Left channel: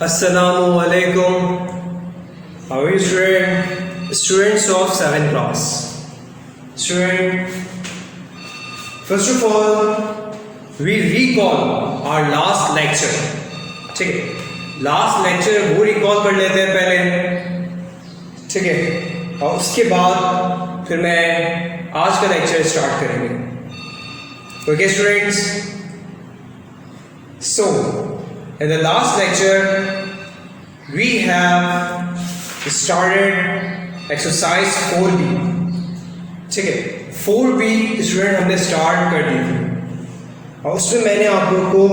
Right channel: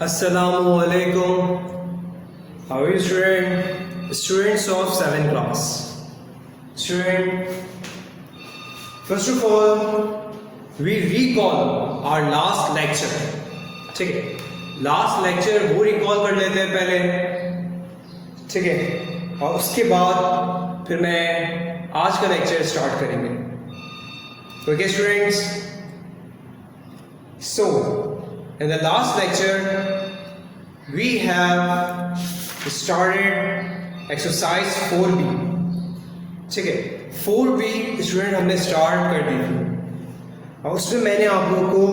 Assalamu alaikum. How are you, students of 7th class? Student, first of all, we recall our last lecture. ठीक है, last lecture वो recall कर लेते हैं पहले, ठीक है, और उसके बाद फिर मैं आज का लेक्चर स्टार्ट करेंगे. Okay students, so in the last lecture we have started exercise 4B. ठीक है, 4B स्टूडेंट हमने स्टार्ट कर दिया और उसमें मैंने आप लोगों को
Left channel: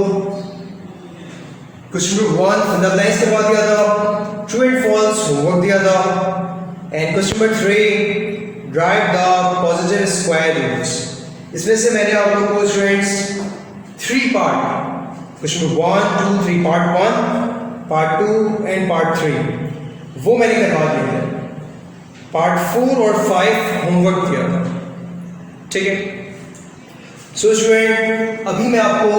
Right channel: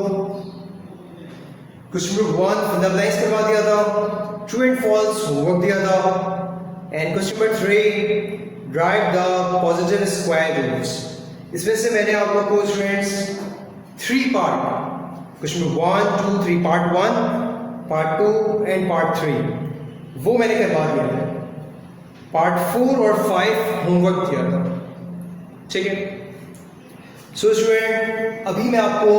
question number 1 fill the blanks करवा दिया था, ट्रू एंड फॉल्स होमवर्क दिया था, and question number 3 drive the positive square roots. इसमें से मैंने आप लोगों को students 3 part, question number 1, 2, 3, part 1, part 2 and part 3 वो मैंने करवा दिया था. पार्ट 4 और 5 होमवर्क दिया था. ठीक है, सो स्टूडेंट अभी मैं आपको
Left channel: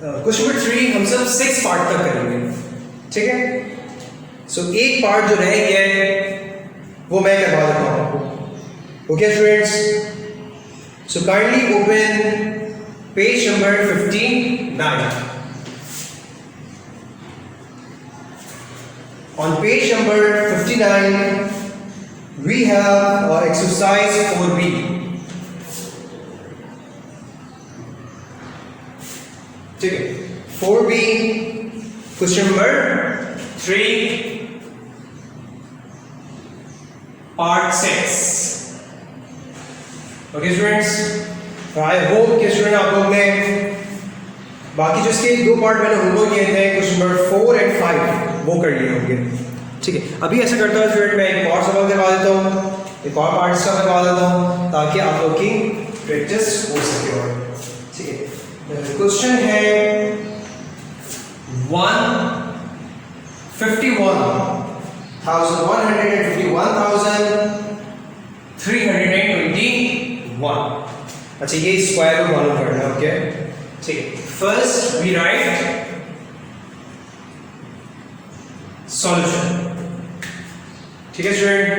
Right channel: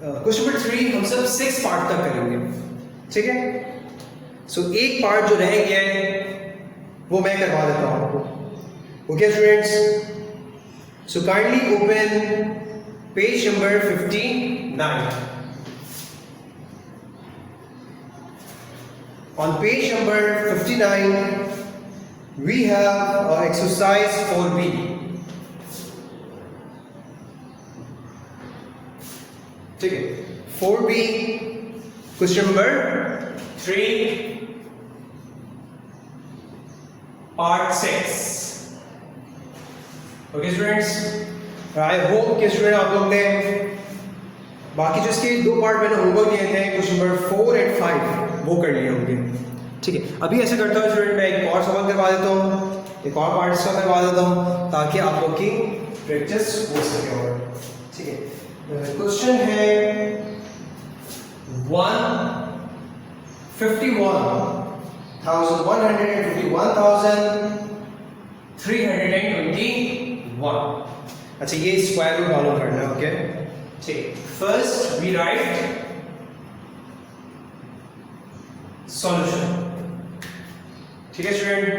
क्वेश्चन नंबर 3 हम सब 6 पार्ट तक करेंगे. ठीक है, सो एक पार्ट जो रह गया है वो मैं करवा देता हूँ. Okay students, so kindly open page number 59. On page number 59 we have exercise 4B. ठीक है, 4B question number 3 part 6. Okay students, I hope कि स्टूडेंट आप लोग ने बाकी जो इसके 2 पार्ट मैंने होमवर्क किए थे क्वेश्चन नंबर 4 एंड 5 वो कर लिए होंगे. ठीक है, अभी ऐसे करता हूँ स्टूडेंट, मैं एक और सवाल करवा देता हूँ, एक और पार्ट का करवा देता हूँ ताकि आप लोग की प्रैक्टिस हो सके. और ठीक है, क्वेश्चन है 151,321. अच्छा, ये स्क्वायर रूट मालूम करना है. ओके, ठीक है, फर्स्ट वी राइट सॉल्यूशन. ठीक है स्टूडेंट,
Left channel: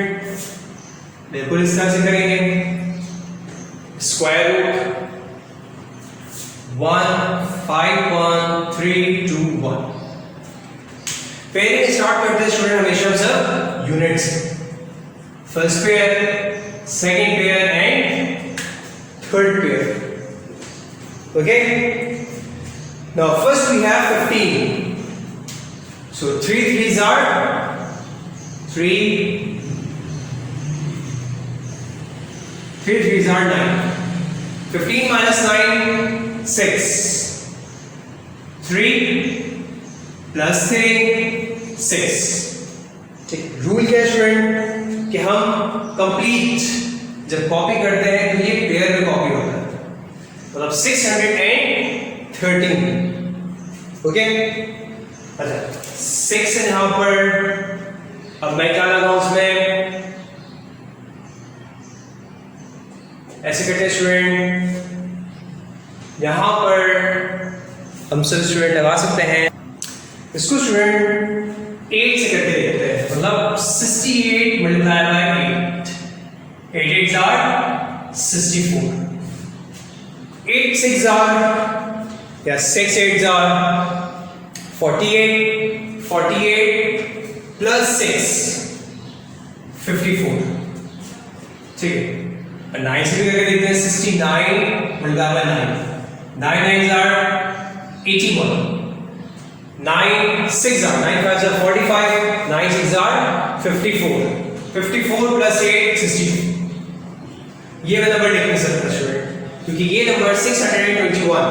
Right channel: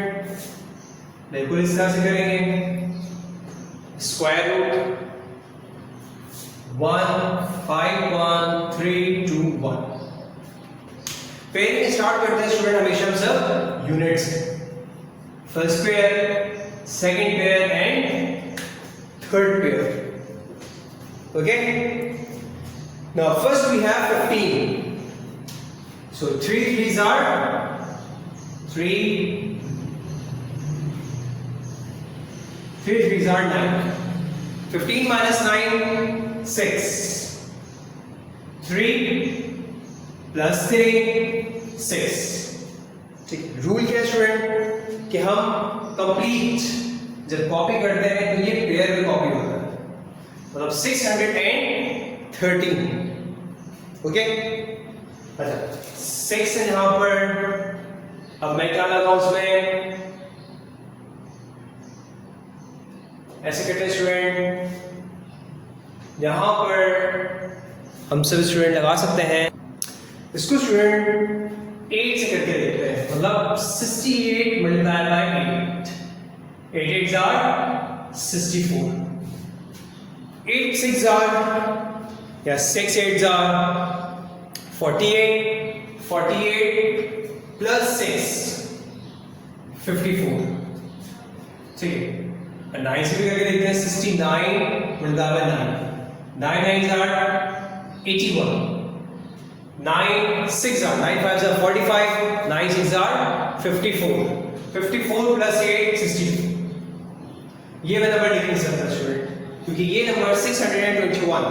बिल्कुल इस तरह से करेंगे. Square root 151,321. पेयरिंग स्टार्ट करते हैं स्टूडेंट हमेशा सब यूनिट से. First pair, second pair and third pair. Okay, now first we have 15. So 3 3s are 3, 3 3s are 9. 15 minus 9, 6. 3 plus 3, 6. ठीक, रूल क्या है स्टूडेंट कि हम कंप्लीट जब कॉपी करते हैं तो ये पेयर में कॉपी होता है, मतलब 613. ओके, अच्छा 6 है यहाँ पर. अब मैं क्या लगाऊं उसमें, ऐसे करते हैं स्टूडेंट, यहाँ पर हम सब स्टूडेंट लगा सकते हैं इसको स्टूडेंट 8 से करके देखते हैं, मतलब 68 multiply by 8. 8 8s are 64. 8 6s are या 6 8s are 48. 48 plus 6 54. ठीक है, 9 से भी करके देखते हैं. 69 multiply by 9. 9 9s are 81. 9 6 are 9 5s are 45. 9 6 are 54. 54 plus 8 62. ये मैं नंबर लिख नहीं सकता स्टूडेंट, क्योंकि ये नंबर 621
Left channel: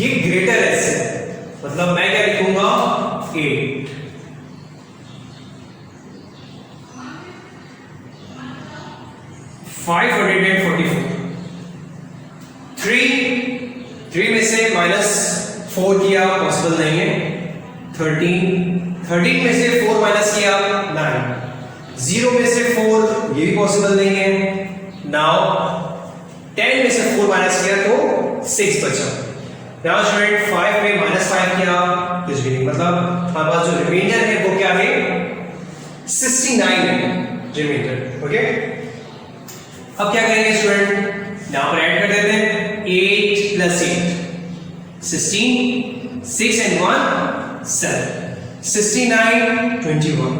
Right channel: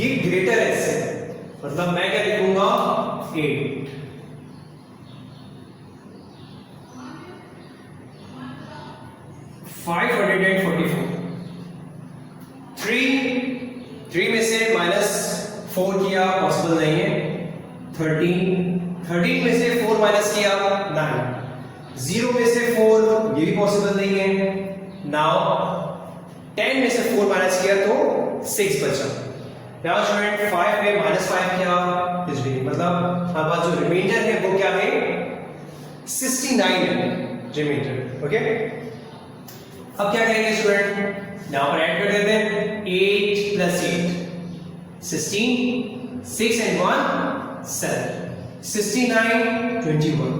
ये ग्रेटर है इससे, मतलब मैं क्या लिखूंगा 8. थ्री में से -4 किया पॉसिबल नहीं है. 13 में से 4 माइनस किया 9. 0 में से 4 ये भी पॉसिबल नहीं है. नाउ 10 में से 4 माइनस किया तो 6 बचा. यहाँ स्टूडेंट 5 में -5 किया, कुछ भी नहीं, मतलब हमारे पास जो रिमाइंडर है वो क्या है, 69 है रिमाइंडर। ओके, अब क्या करेंगे स्टूडेंट, यहाँ पर ऐड कर देते हैं 8 + 8 16, 6 and 1 7, 69 21।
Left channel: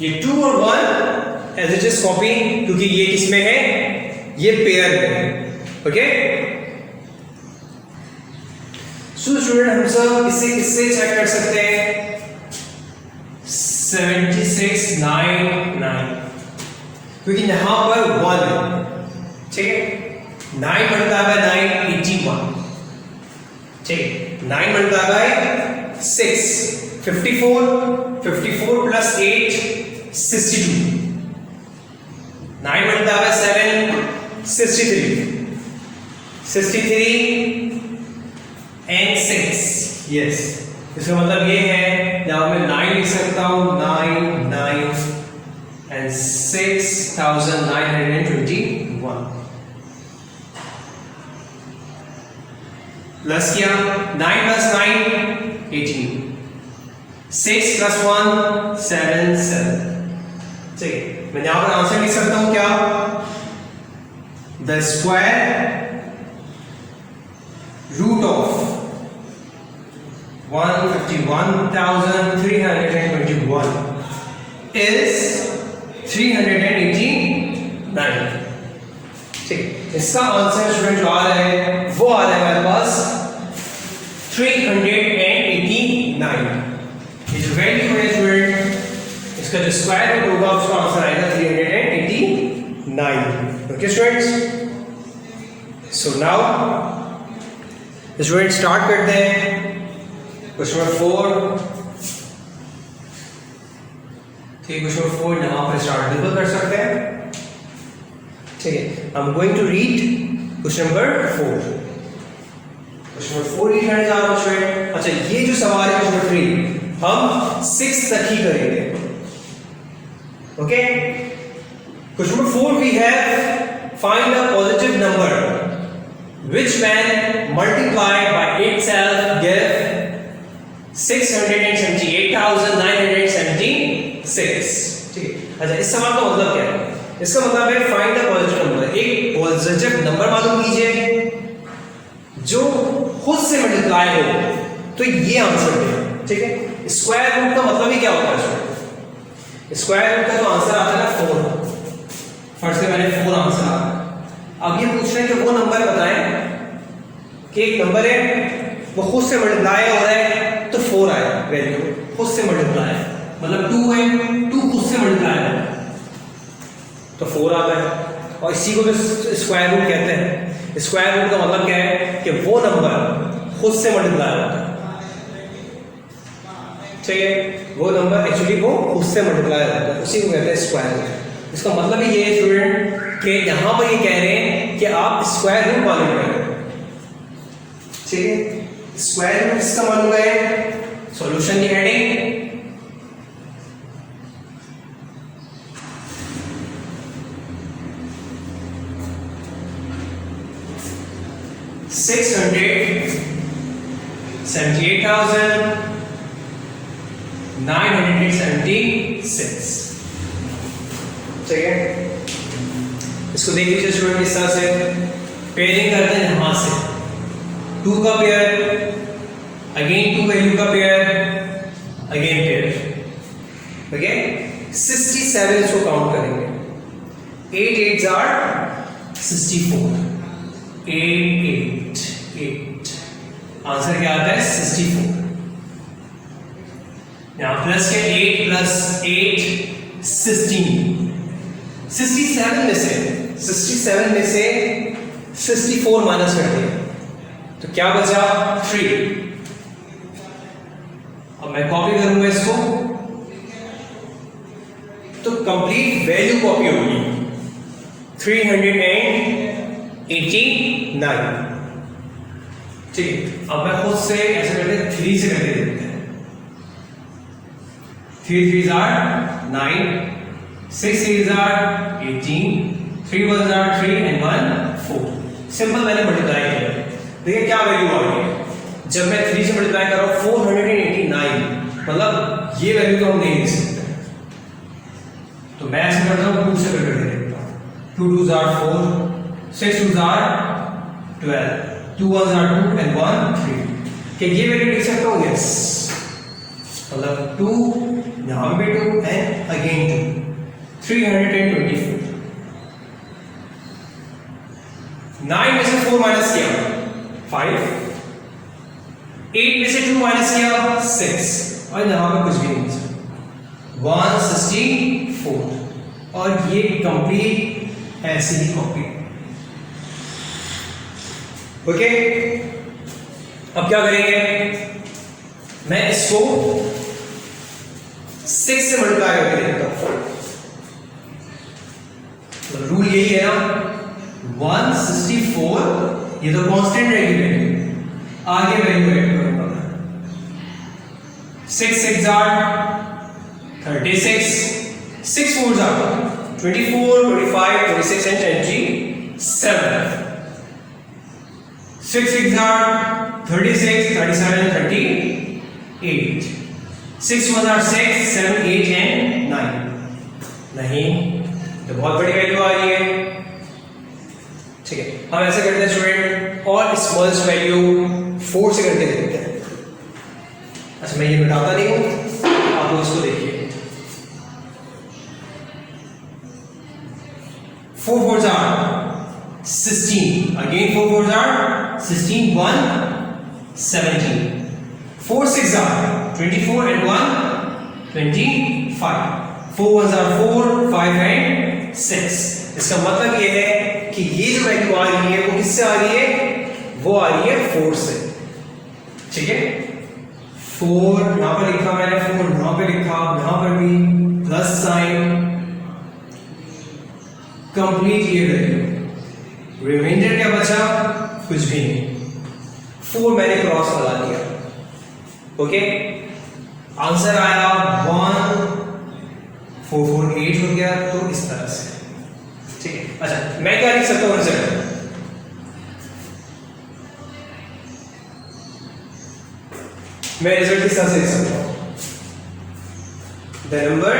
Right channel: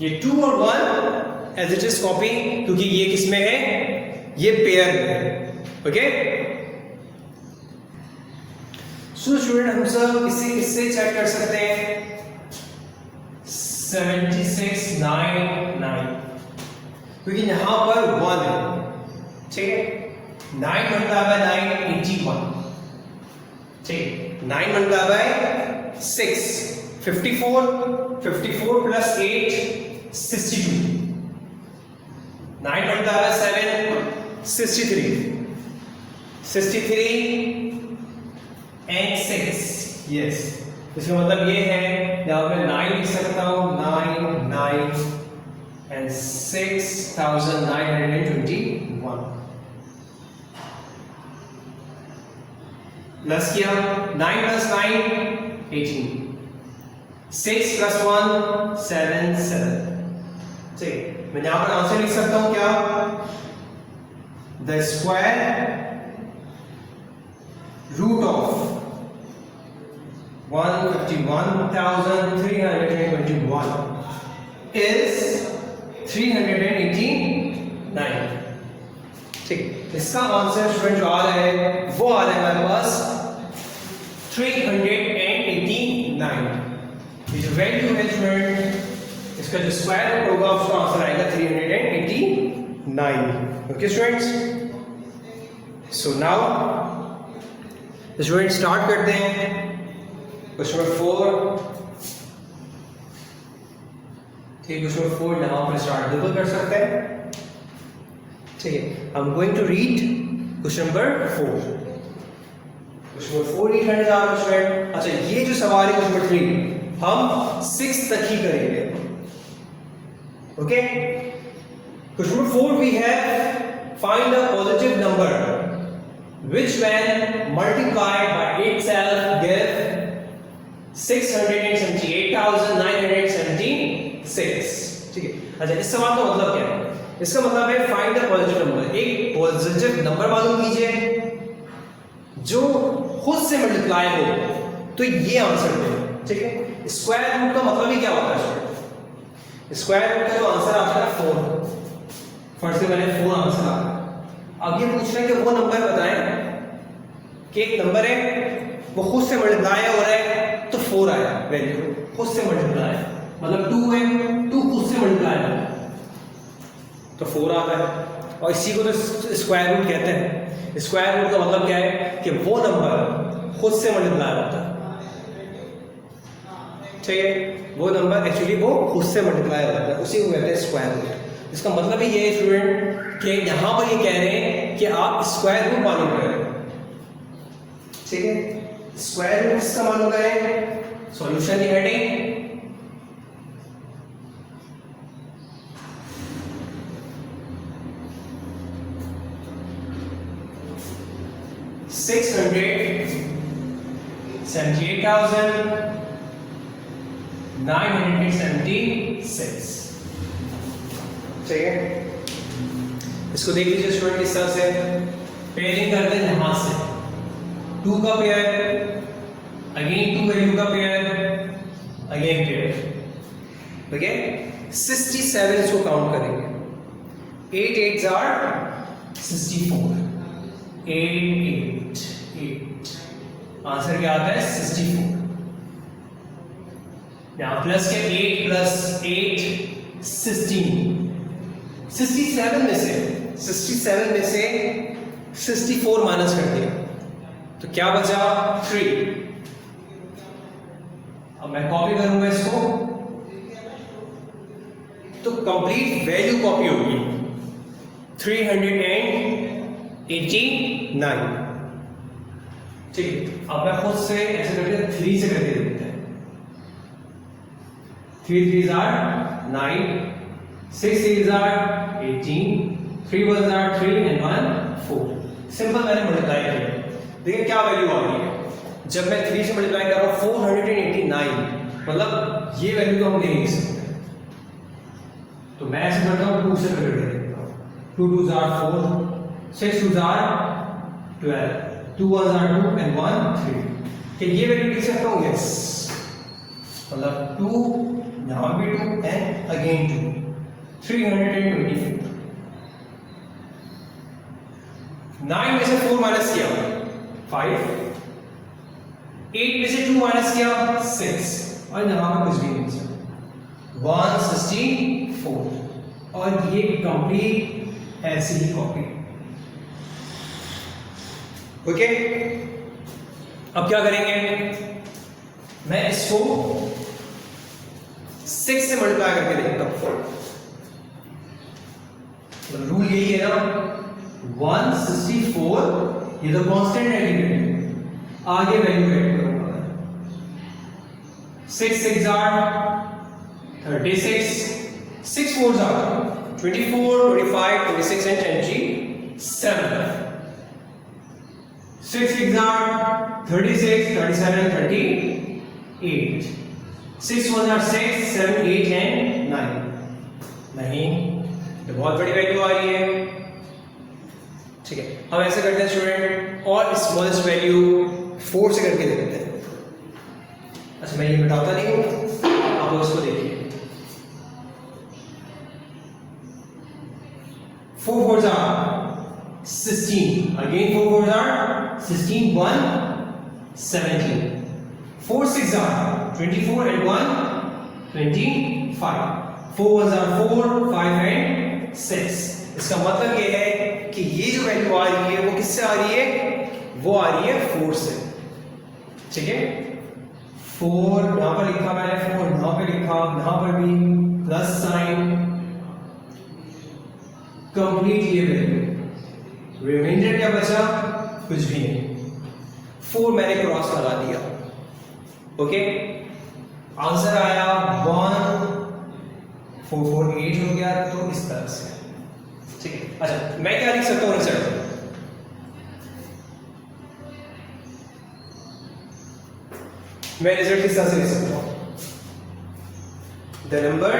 ये 2 और 1 एज इट इज कॉपी, क्योंकि ये किसमें है, ये पेयर में है। ओके, सो स्टूडेंट हम सब इसे किससे चेक कर सकते हैं, 7699, क्योंकि यहां पर 1 है, ठीक है, 9 मल्टीप्लाई बाय 9 81, ठीक, 9 multiply by 6 54, 54 + 8 62, 9 multiply by 7 63, 63 and 6, yes, इसका मतलब ये है, यहाँ मैं 9 लिख सकता हूँ, 9 9 and 6921 प्लस किया, 9 + 9 18, 6 + 1 7 7, ठीक है, मैं यहाँ पर आंसर लिख सकता हूँ क्या, the square root of 151,321 is 389, ठीक, इसका आंसर स्टूडेंट जो आ रहा है वो आ रहा है हमारे पास 389। ये जो वैल्यू है स्टूडेंट, इसका जो स्क्वायर रूट होगा उसका आंसर आएगा 389। Okay students, so now student start करते हैं क्वेश्चन नंबर 4। ठीक, क्वेश्चन नंबर 4 यहाँ पर स्टार्ट बिल्कुल कर सकते हैं, ठीक है। I am going to read question number 4। Question number 4 read करने जा रहा हूँ स्टूडेंट। अच्छा, ये जो सवाल है क्वेश्चन नंबर 3 हम 6 तक ही करेंगे। Okay, question number 4 we have find a positive number which when multiplied by itself give 678,976। ठीक है, अच्छा इस सवाल का मतलब क्या है, इसका मतलब है फाइंड द पॉजिटिव नंबर। एक पॉजिटिव नंबर मालूम कीजिए जो खुद से मल्टीप्लाई हो, तो ये आंसर है। ठीक है, स्क्वायर रूट का मतलब ही क्या होता है स्टूडेंट, स्क्वायर रूट का तो आंसर आता है 4। फर्स्ट से मैंने 4 आंसर आ, अब ये पूछ रहे हैं कि वो नंबर बताएं कि एक नंबर है वो खुद से मल्टीप्लाई हो रहा है तो 4 आया, वैल्यू खुद से मल्टीप्लाई मतलब 2 है, 2 खुद से मल्टीप्लाई है तो 4 आता है। और इसी को तो स्क्वायर रूट कहते हैं। स्क्वायर रूट का मतलब क्या है कि वो नंबर खुद से मल्टीप्लाई होता है। ठीक है, वो नंबर एक्चुअली वो खुद से मल्टीप्लाई होता है, उसी को कहते हैं स्क्वायर रूट। इसका मतलब ये है स्टूडेंट कि यहां पर ये कह रहे हैं कि आप स्क्वायर रूट मालूम करें। ठीक है, स्क्वायर रूट इसका मालूम करें। सॉल्यूशन की हेडिंग 678,976। ठीक है, इसको देख लीजिए स्टूडेंट इस तरह से पेयरिंग करते हैं। यहां से 2 का पेयर, अगेन 2 वैल्यू का पेयर, अगेन पेयर। ओके, 67 इसको काउंट करेंगे। 8 8s are 64। 8 8 8 आंसर क्या आता है 64। यहां प्लस के 8 + 8 16। 67 में से 64 माइनस कर दिया तो क्या बचा 3। अब मैं कॉपी करूंगा इसको तो कंप्लीट वैल्यू कॉपी होगी 389। ठीक है, अब मैं खुद से ऐसे करके 3 से करके देखते हैं। 3 3s are 9, 6 3s are 18, 3 1s are 3 and 1 4। Simple मैंने मल्टीप्लाई किया। देखिए क्या वैल्यू आ रही है, जब मैं 3 से मल्टीप्लाई कर रहा हूँ 489, मतलब ये वैल्यू तो हम नहीं लिख सकते, तो मैं ऐसे करता हूँ 2 से करके देखता हूँ। 2 2s are 4, 6 2s are 12, 2 1s are 2 and 1 3। क्या ये वैल्यू लिख सकता हूँ? यस, मतलब 2 यहाँ पे 2 and again 2, 324। 9 में से 4 माइनस किया 5, 8 में से 2 माइनस किया 6, और यहाँ पे कुछ भी नहीं 164, और ये कंप्लीट ऐसे ही कॉपी। ओके, अब क्या करेंगे, मैं इसको 6 से मल्टीप्लाई करके देखता हूं। तो रूल यही है ना, 164 ये तो कांस्टेंट रहेगी वैल्यू, आगे वैल्यू ऐड करूंगा। 6 6 36, 6 4s are 24, 25, 26 and 27। 6 6 are 36, 37, 38। 6 1s are 6, 7, 8 and 9। नहीं, तो बहुत बड़ी वैल्यू आ रही है। ठीक है, हम ऐसे करते हैं स्टूडेंट, और स्मॉलेस्ट वैल्यू 4 से करके देखते हैं। अच्छा, मैं ये बताता नहीं हूँ, आप लोग उसको देखिए। 4 4s are 16, again 4 4s are 16, 1 17, 4 6 are 24 and 1 25, 4 1s are 4, 5 and 6। इसका मतलब ये है कि ये जो वैल्यू आ रही है वो किससे आ रही है, वो आ रही है 4 से। ठीक है, 4 यहां पर लिखा मैंने, 4 यहां पे लिखा, यहां पर भी प्लस साइन, कंप्लीट ये वैल्यू। रिमाइंडर क्या बचा, कुछ भी नहीं, 4 मैंने क्रॉस लगा दिया। ओके, आंसर आया 1448 हो गया, तो इस तरह से। ठीक है, अच्छा मैं क्या लिख सकता हूं रिजल्ट, मैं रिजल्ट किस तरह से लिख सकता हूं, the number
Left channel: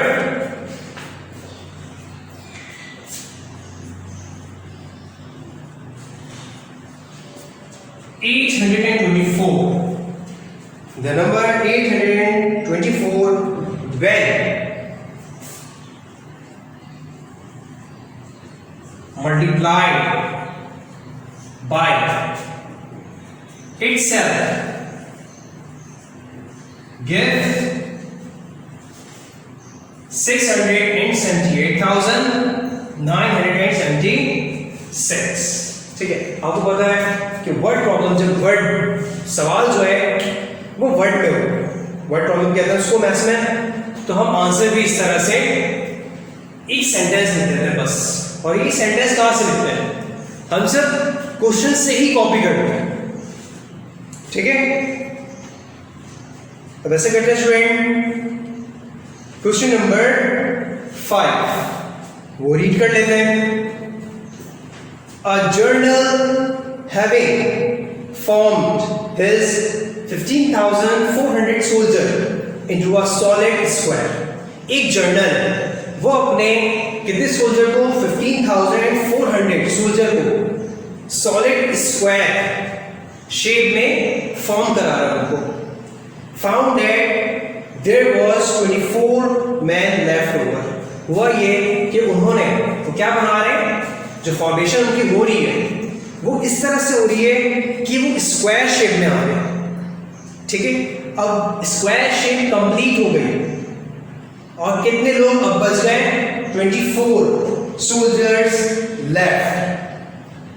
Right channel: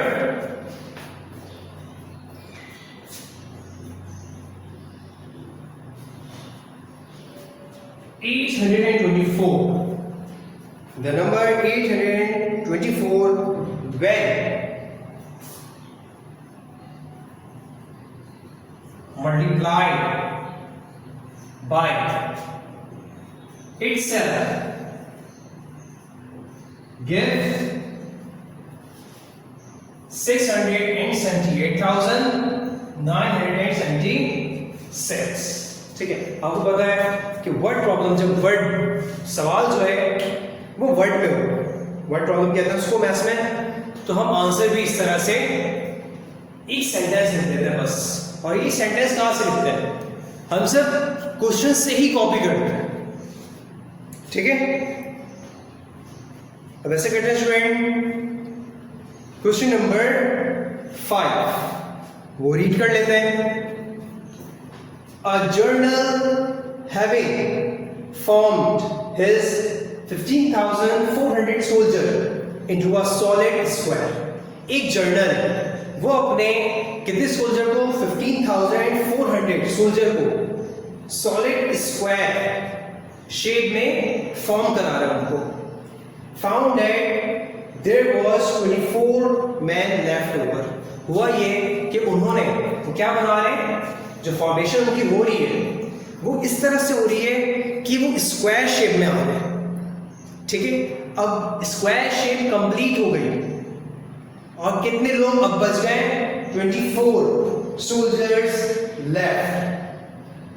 824, the number 824 when multiplied by itself give 678,976। ठीक है, आपको पता है कि वर्ड प्रॉब्लम, जब वर्ड सवाल जो है वो वर्ड में हो, वर्ड प्रॉब्लम कहते हैं उसको मैथ्स में, तो हम आंसर भी इस तरह से एक सेंटेंस लिख देते हैं बस। और ये सेंटेंस कहां से लिखते हैं, हम सब क्वेश्चन से ही कॉपी करते हैं। ठीक है, अब ऐसे करते हैं स्टूडेंट, क्वेश्चन नंबर 5 वो रीड कर लेते हैं। A journal having formed his 15,400 soldier into a solid square। एक जर्नल वो अपने कितने सोल्जर को, 15,400 सोल्जर को सॉलिड स्क्वायर शेप में फॉर्म करा रहा है उनको। Found that there was 24 man left over. हुआ ये कि उन्होंने तो क्या बना रहे हैं, जो फॉर्मेशन उनकी हो रही है वो इस तरह से हो रही है कि वो स्क्वायर शेप में आ रहे हैं। ठीक है, अब स्क्वायर शेप कंप्लीट हो गई और कितने लोग अब बच गए, 24 soldiers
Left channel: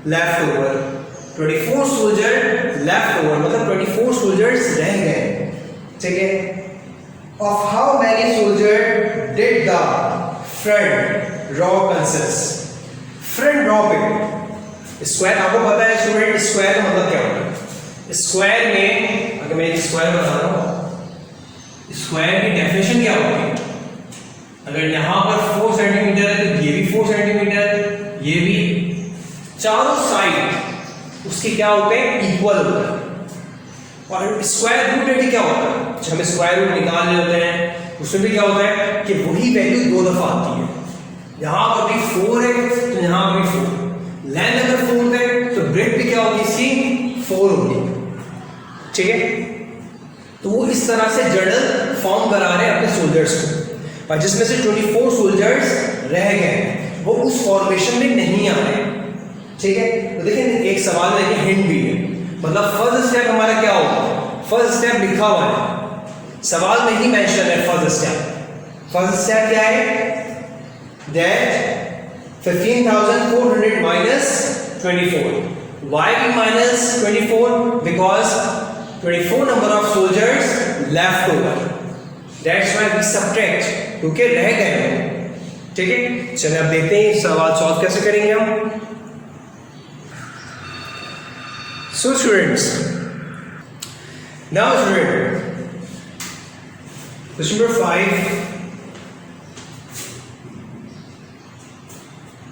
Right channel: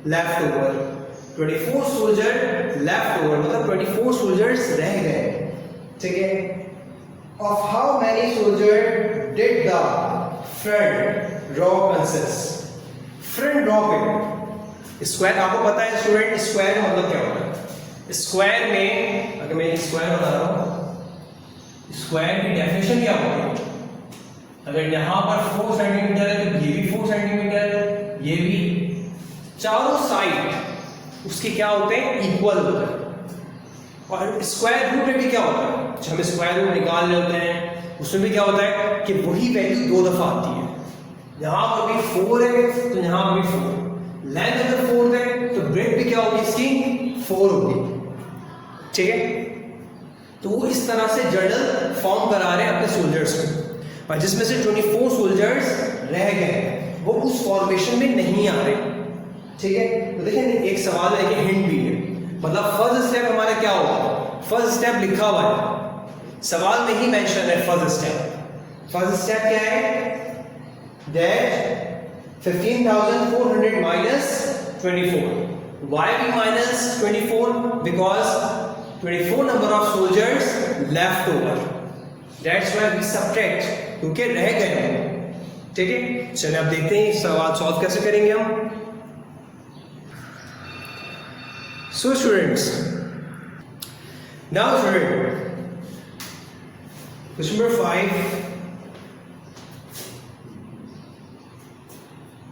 left over. 24 soldier left over मतलब 24 सोल्जर्स रह गए। ठीक है, of how many soldier did the front raw consist. Front raw पे स्क्वायर, आपको पता है स्टूडेंट स्क्वायर का मतलब क्या होता है, स्क्वायर में अगर मैं एक स्क्वायर बना रहा हूं, स्क्वायर की डेफिनेशन क्या होती है, अगर यहां पर 4 सेंटीमीटर है तो ये भी 4 सेंटीमीटर, ये भी, चारों साइड उसके क्या होते हैं, इक्वल होता है। और स्क्वायर रूट में भी क्या होता है, जब हमें स्क्वायर रूट निकालने होते हैं उसमें भी क्या होता है कि वही वैल्यू दो दफा आती है। यहाँ पर भी 4 है तो यहाँ पर भी 4, लेंथ अगर 4 है तो ब्रेड भी क्या होगी इसकी 4 होगी, ठीक है। तो वो इस तरह से जर्नल फॉर्म करा रहे हैं अपने सोल्जर्स को, और जिसमें से 24 सोल्जर्स रह गए वो उस फॉर्मेशन में नहीं आ रहे, ठीक है। तो देखिए एक सवाल में एक हिंट भी है, मतलब फर्स्ट स्टेप हमारा क्या होगा, फर्स्ट स्टेप लिखा हुआ है सवाल में ही मेंशन है। फर्स्ट स्टेप क्या है, that 15,400 minus 24। Why we minus 24? Because 24 number of soldiers left over. That's why we subtract, क्योंकि रह गए, ठीक है। चलिए अब देखते हैं सवाल सॉल्व कैसे करेंगे हम। So students, now student, question number 5,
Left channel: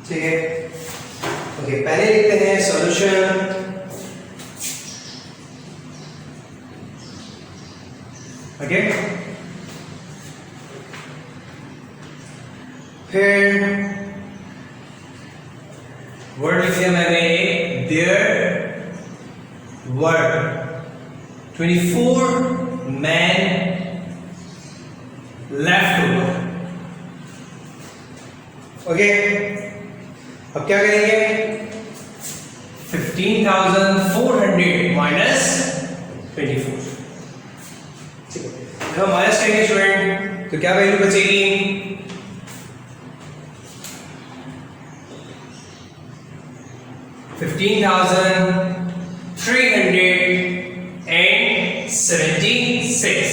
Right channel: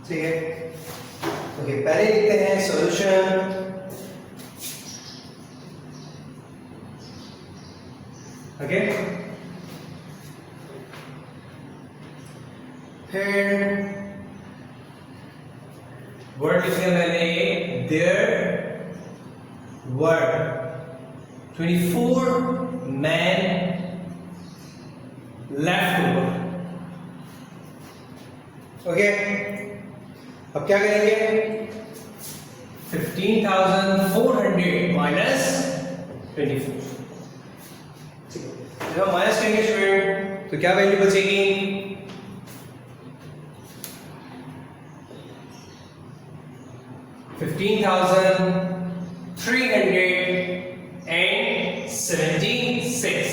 ठीक है। ओके, पहले लिखते हैं सॉल्यूशन। ओके, फिर वर्ड लिख दिया मैंने, there were 24 men left over। Okay, अब क्या करेंगे, 15,400 माइनस 24, ठीक है। जब हम माइनस करेंगे स्टूडेंट तो क्या वैल्यू बचेगी, 15,376,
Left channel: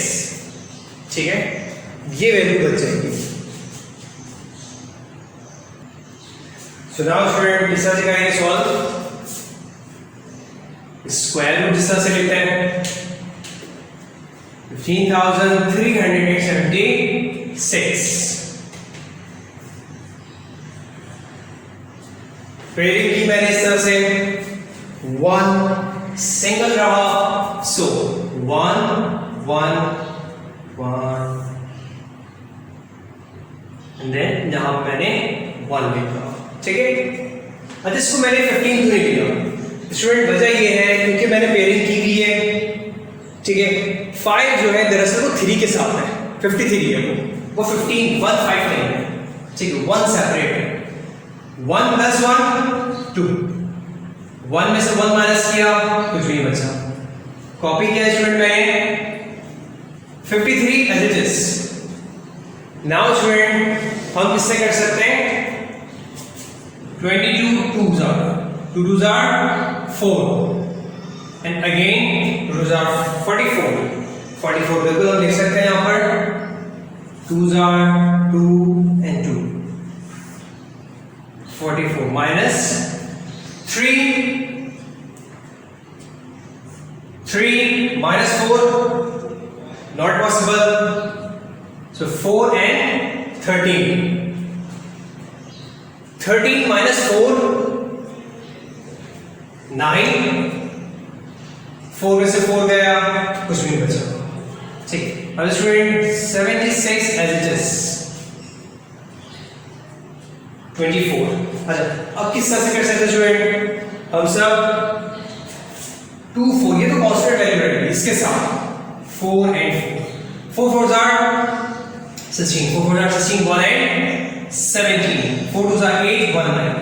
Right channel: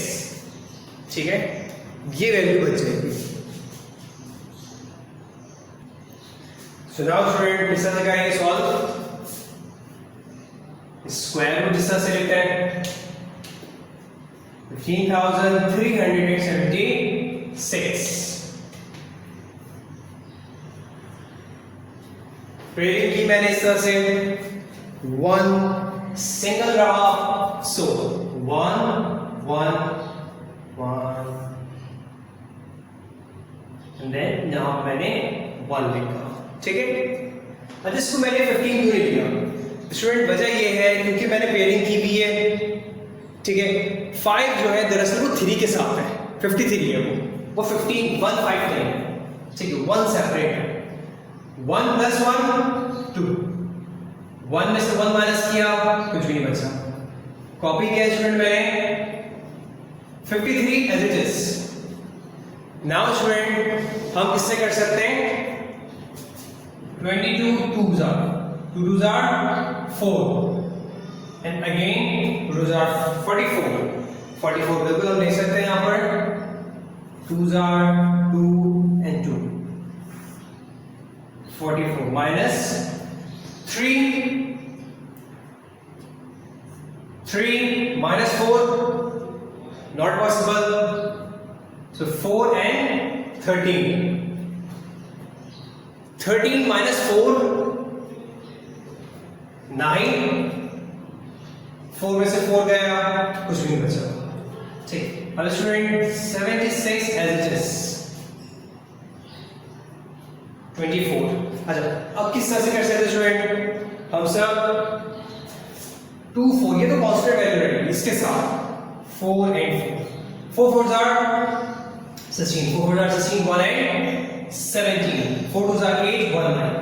ठीक है, ये वैल्यू बच जाएगी। सो नाउ स्टूडेंट इस तरह से करेंगे सॉल्व, स्क्वायर रूट इस तरह से लेते हैं, 15,376, पेयरिंग की मैंने इस तरह से, 1 सिंगल रहा, सो 1 1 1 एंड देन यहां मैंने 1 लिखा, ठीक है। अब इसको मैंने 15 क्यों लिया स्टूडेंट, वजह ये है क्योंकि मैंने पेयरिंग की हुई है, ठीक है। 5 जो है दरअसल वो 3 के साथ है, 53 है वो 15 1 5 नहीं है, ठीक है, 1 सेपरेट है, 1 + 1 2, 1 में से 1 माइनस किया कुछ नहीं बचा, कॉपी किया स्टूडेंट मैंने 53 as it is. Now student हम किससे कर सकते हैं, 22 2s are 2 2s are 4 and again 2s are 44 बिल्कुल हम लिख सकते हैं यहां पर 2s are 2 and 2 44 minus 3 minus 4 not possible, so 4 and 13 minus 4 9, 4 में से 4 गया कुछ भी नहीं बचा, ठीक। अब स्टूडेंट 76 एज इट इज 24। अच्छा अब किस तरह से कर सकते हैं स्टूडेंट, हम सब 2 4 ये तो कांस्टेंट वैल्यू रहेगी इसके साथ, 4 and 4 4 4s are 16, 4 4s are 16, 1 and 17, 4 2s are 8 1 9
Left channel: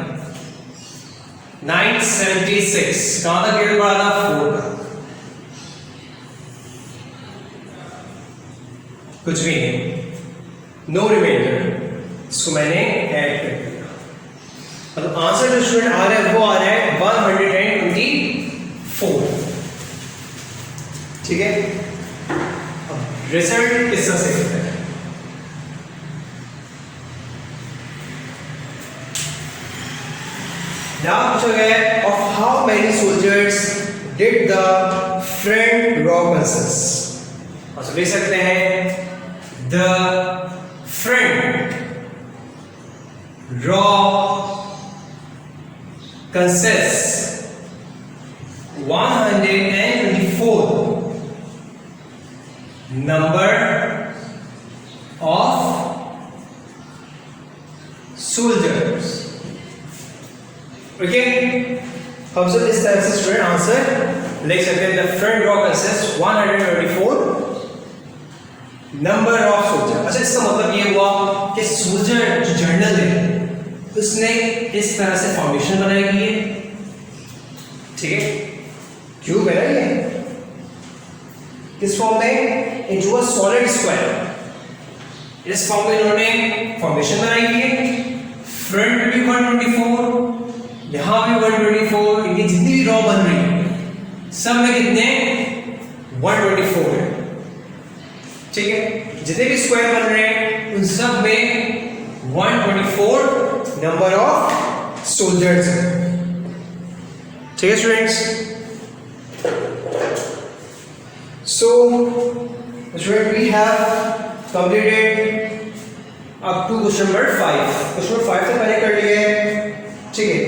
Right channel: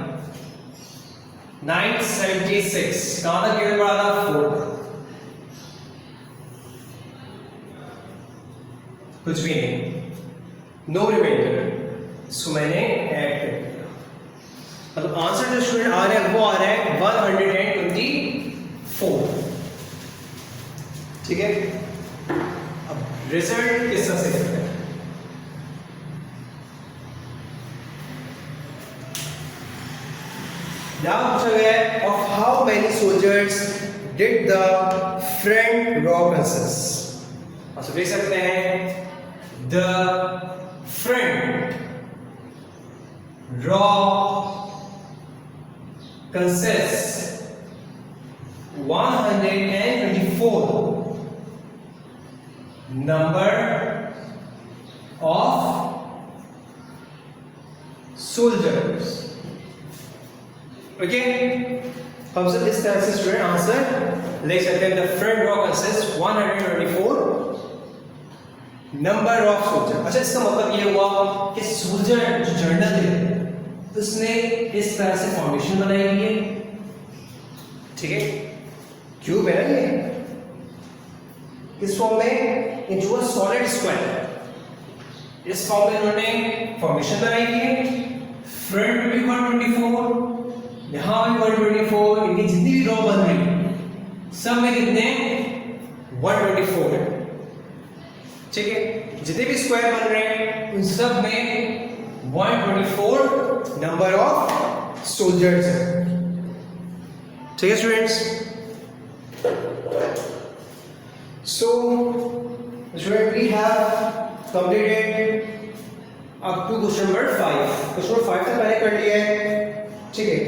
976, कहां तक गेट पड़ा था 4, कुछ भी नहीं, नो रिमाइंडर, इसको मैंने ऐड कर दिया। मतलब आंसर जो स्टूडेंट आ रहा है वो आ रहा है 124, ठीक है। अब रिजल्ट किस तरह से करते हैं, यहां पूछा गया है of how many soldiers did the front raw consist, और सब लिख सकते हैं the front raw consists 124 number of soldiers. Okay, हम सब इस तरह से स्टूडेंट आंसर लिख सकते हैं. The front row consist 124 number of soldier. अच्छा, इसका मतलब ये हुआ कि सोल्जर जो जर्नल है उसने इस तरह से फाउंडेशन बनाई हुई है. ठीक है, क्यूब है ये किस फॉर्म में, इनटू अ सॉलिड स्क्वायर. इस फॉर्म में इन्होंने फाउंडेशन बनाई हुई है. फ्रंट में भी 124, यहां भी 124. इनकी जितनी भी रॉ बन रही है सब में कितने 124 है. ठीक है, जितने भी स्क्वायर बन रहे हैं उन सब में 124 नंबर ऑफ सोल्जर्स है. ठीक है students. So, student, we have completed up to question number 5. Question number 5 तो पहले कर लिए. ठीक है,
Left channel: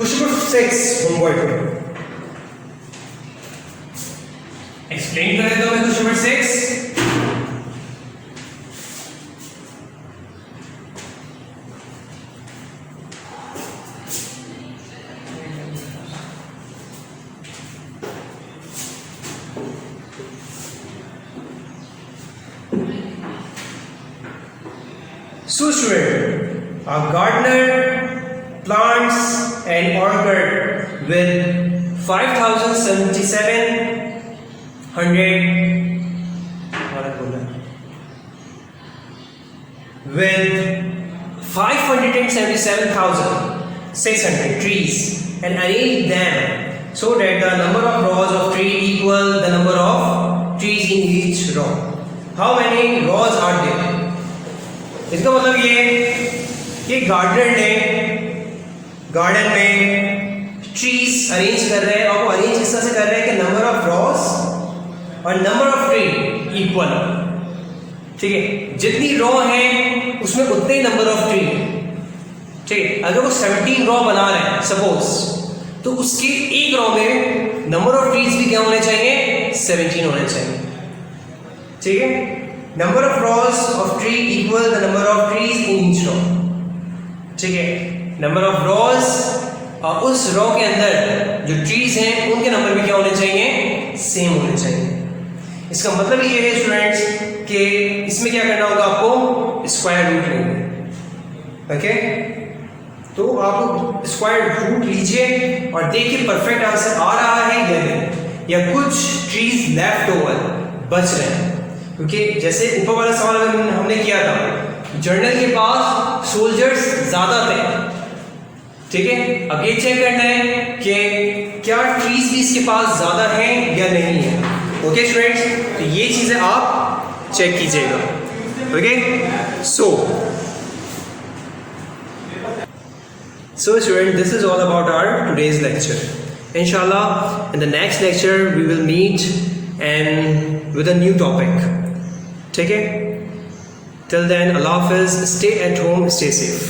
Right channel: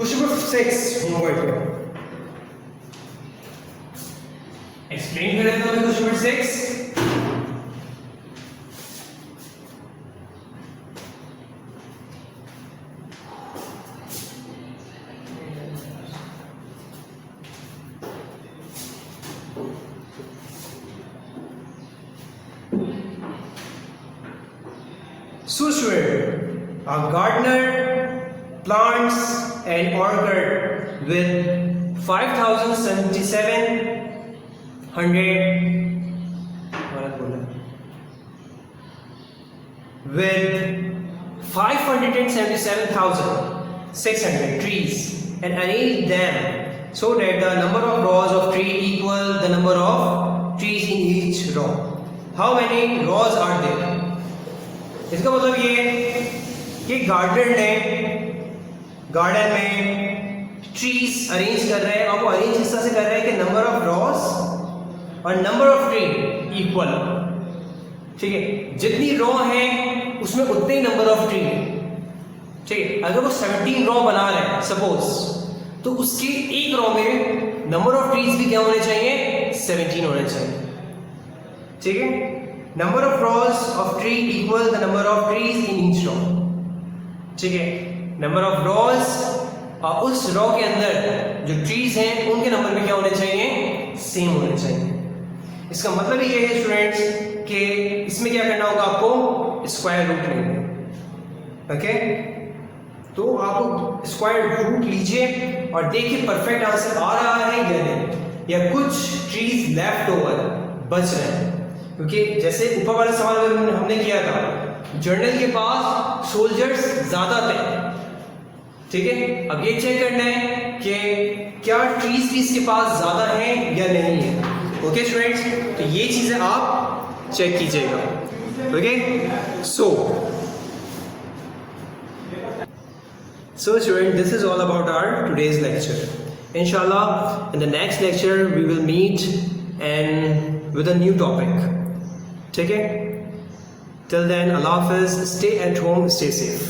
question number 6 होमवर्क में एक्सप्लेन करें तो मैं question number 6. So student, a gardener plants an orchid with 577,600 trees and arrange them so that the number of rows of tree equal the number of trees in each row. How many rows are there? इसका मतलब ये gardener ने garden में trees arrange कर रहे हैं. और वो अरेंज किस तरह से कर रहे हैं कि नंबर ऑफ रॉज और नंबर ऑफ ट्री इक्वल. ठीक है, जितनी रॉ है उसमें उतने नंबर ऑफ ट्री. ठीक है, अगर वो 17 रॉ बना रहे हैं सपोज, तो उसके एक रॉ में नंबर ऑफ ट्रीज भी क्या होने चाहिए, 17 होने चाहिए. ठीक है, number of rows of tree equal the number of trees in each row. ठीक है, number of rows और उस रो के अंदर जो ट्रीज हैं उनके नंबर भी क्या होने चाहिए, सेम होने चाहिए. इसका मतलब ये है स्टूडेंट्स कि इसमें क्या करना होगा आपको, स्क्वायर रूट लेंगे. ओके, तो आप स्क्वायर रूट लीजिए और देखिए परफेक्ट आंसर आ रहा है या नहीं, या कुछ ट्रीज लेफ्ट ओवर बच रहे हैं. क्योंकि जैसे ऊपर वाले सवाल में हमने किया था, जर्नल के पास सोल्जर्स ज्यादा थे. ठीक है, अब ये चेक करना है कि क्या ट्रीज भी इसके पास ज्यादा हैं या नहीं है. ओके स्टूडेंट्स, तो ये चीजें आप चेक कीजिएगा. Okay, so student, this is all about our today's lecture. इंशाल्लाह in the next lecture we will meet and with a new topic. ठीक है, till then, Allah Hafiz, stay at home, stay safe.